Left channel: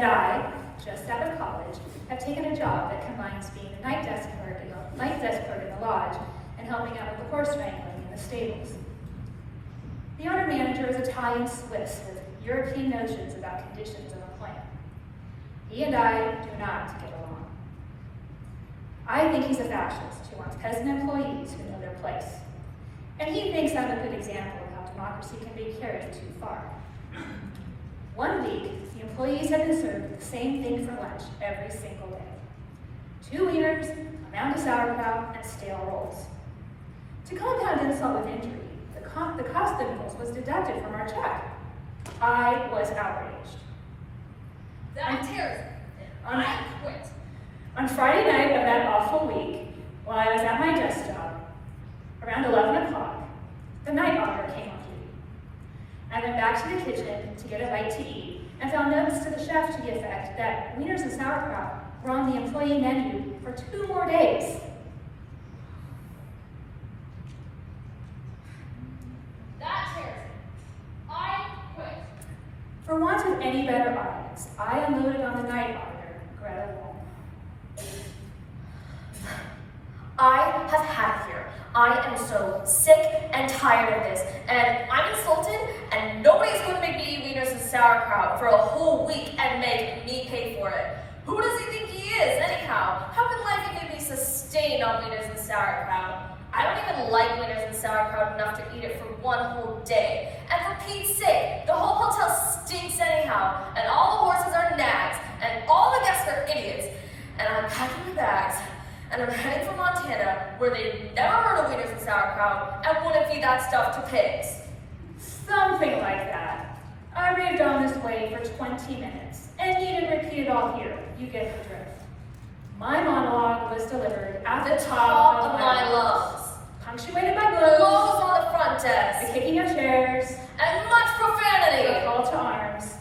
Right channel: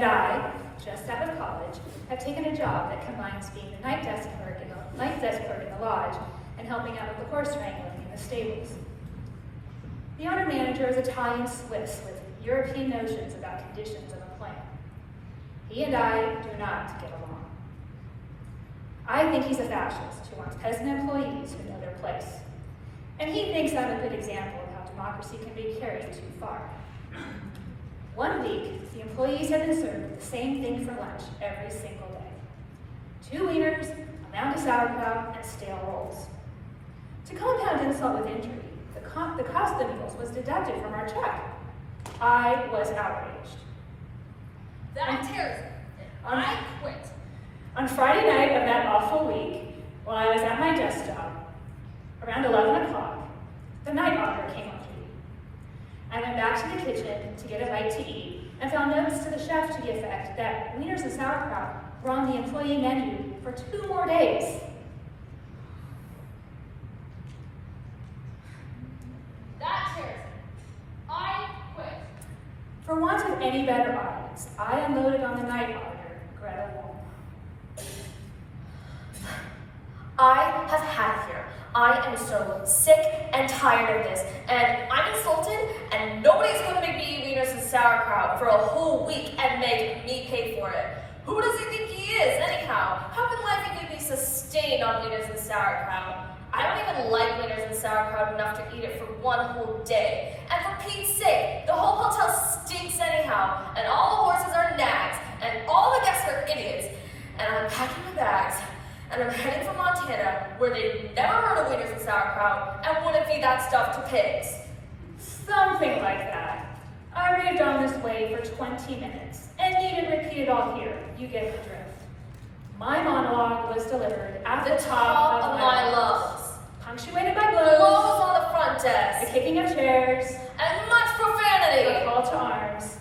And I, just out of college, have taken a job that combines being the night desk clerk in the lodge and helping out with the horse wrangling in the stables. The owner manager is Italian Swiss with European notions about conditions of employment. He and I do not get along. I think he's a fascist who wants peasant employees who know their place. And he thinks I'm a good example of how democracy can be carried too far. One week, the employees have been served the same thing for lunch every single day. 2 wieners, a mound of sauerkraut, and stale rolls. To compound insult with injury, the cost of the meals was deducted from our check. I was outraged. That tears me. I quit. On Friday night of that awful week, while I was at my desk job, around 11 o'clock, the night auditor came on duty. I went back to the kitchen to get a bite to eat and found notes to the chef to the effect that wieners and sauerkraut were on the employee menu for 2 more days. That tears me. I quit. For want of any better audience, I unloaded on the night auditor, Greta Wall. I have had it here. I am so sick and tired of this, and I'm insulted, and nobody's going to make me eat wieners and sauerkraut for a whole week and make me pay for it. Who does he think he is, anyhow? How can life even be sustained on wieners and sauerkraut? I don't even like wieners and sauerkraut enough to eat it for 1 whole day. And for Pete's sake, the whole hotel stinks anyhow, and all the horses are nags, and all the guests are idiots. And I'm packing my bags, and I'm heading for Montana, where they never heard of wieners and sauerkraut, and wouldn't feed that stuff to pigs. Something like that. I raved on this way for 20 minutes, and needn't repeat it all here. You get the drift. My monologue was delivered at the top of my lungs, punctuated by Blows on the front the desk, kicking of chairs, and much profanity. the call to arms.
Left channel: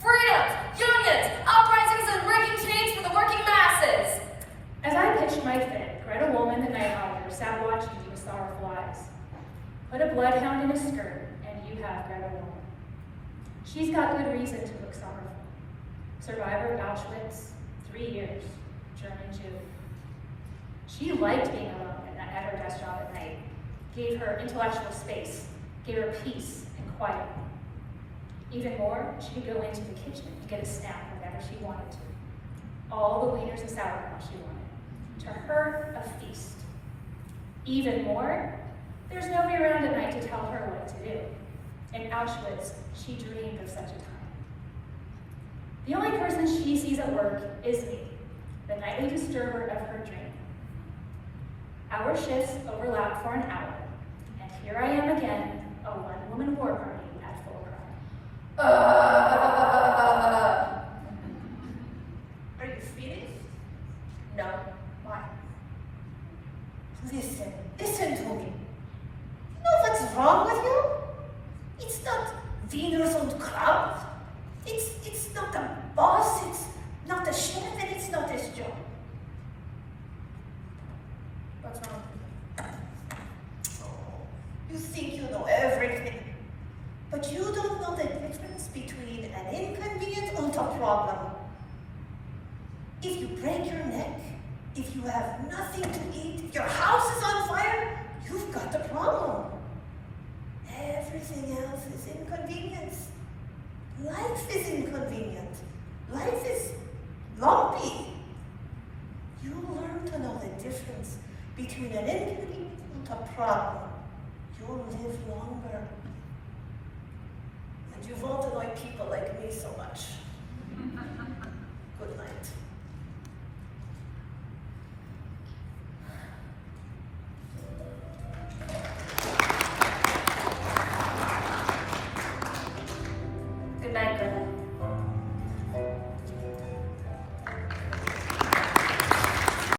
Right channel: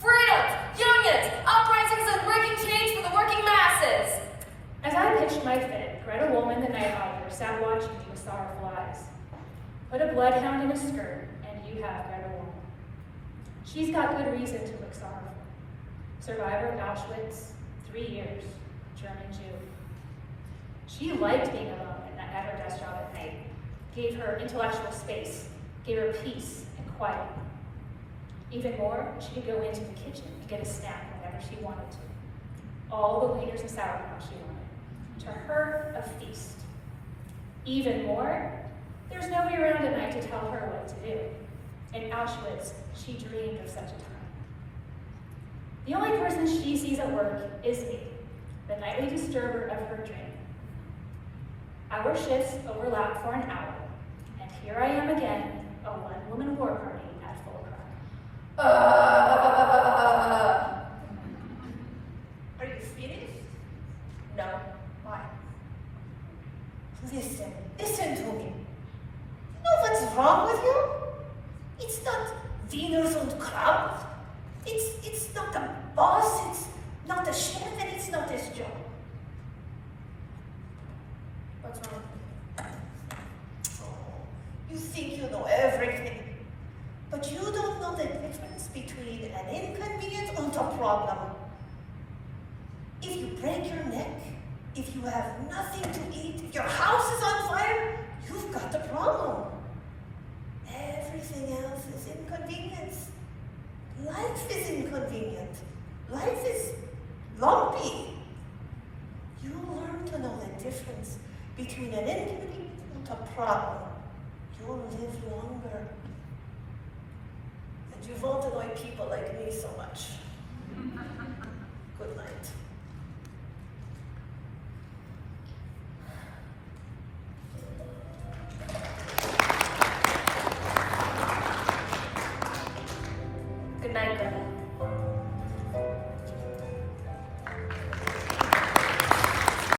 Freedoms, unions, uprisings, and breaking chains for the working masses. As I pitched my fit, Greta Woolman, the night auditor, sat watching me with sorrowful eyes. Put a bloodhound in a skirt, and you have Greta Woolman. She's got good reason to look sorrowful. Survivor of Auschwitz, 3 years, German Jew. She liked being alone at her desk job at night, gave her intellectual space, gave her peace and quiet. Even more, she could go into the kitchen and get a snack whenever she wanted to. All the wieners and sauerkraut she wanted. To her, a feast. Even more, there's nobody around at night to tell her what to do. In Auschwitz, she dreamed of such a time. The only person she sees at work is me, the nightly disturber of her dream. Our shifts overlap for an hour, and here I am again, a one-woman war party at full cry. Are you finished? No. Why? Listen to me. You know what's wrong with you? It's not wieners and kraut. It's not the boss, it's not the chef, and it's not his job. What's wrong? You think you know everything, but you don't know the difference between an inconvenience and a problem. If you break your neck, if you have nothing to eat, if your house is on fire, you've got a problem. Everything else is inconvenience. Life is inconvenient. Life is lumpy. You learn to know the difference between an inconvenience and a problem. You'll live longer. And you won't annoy people like me so much.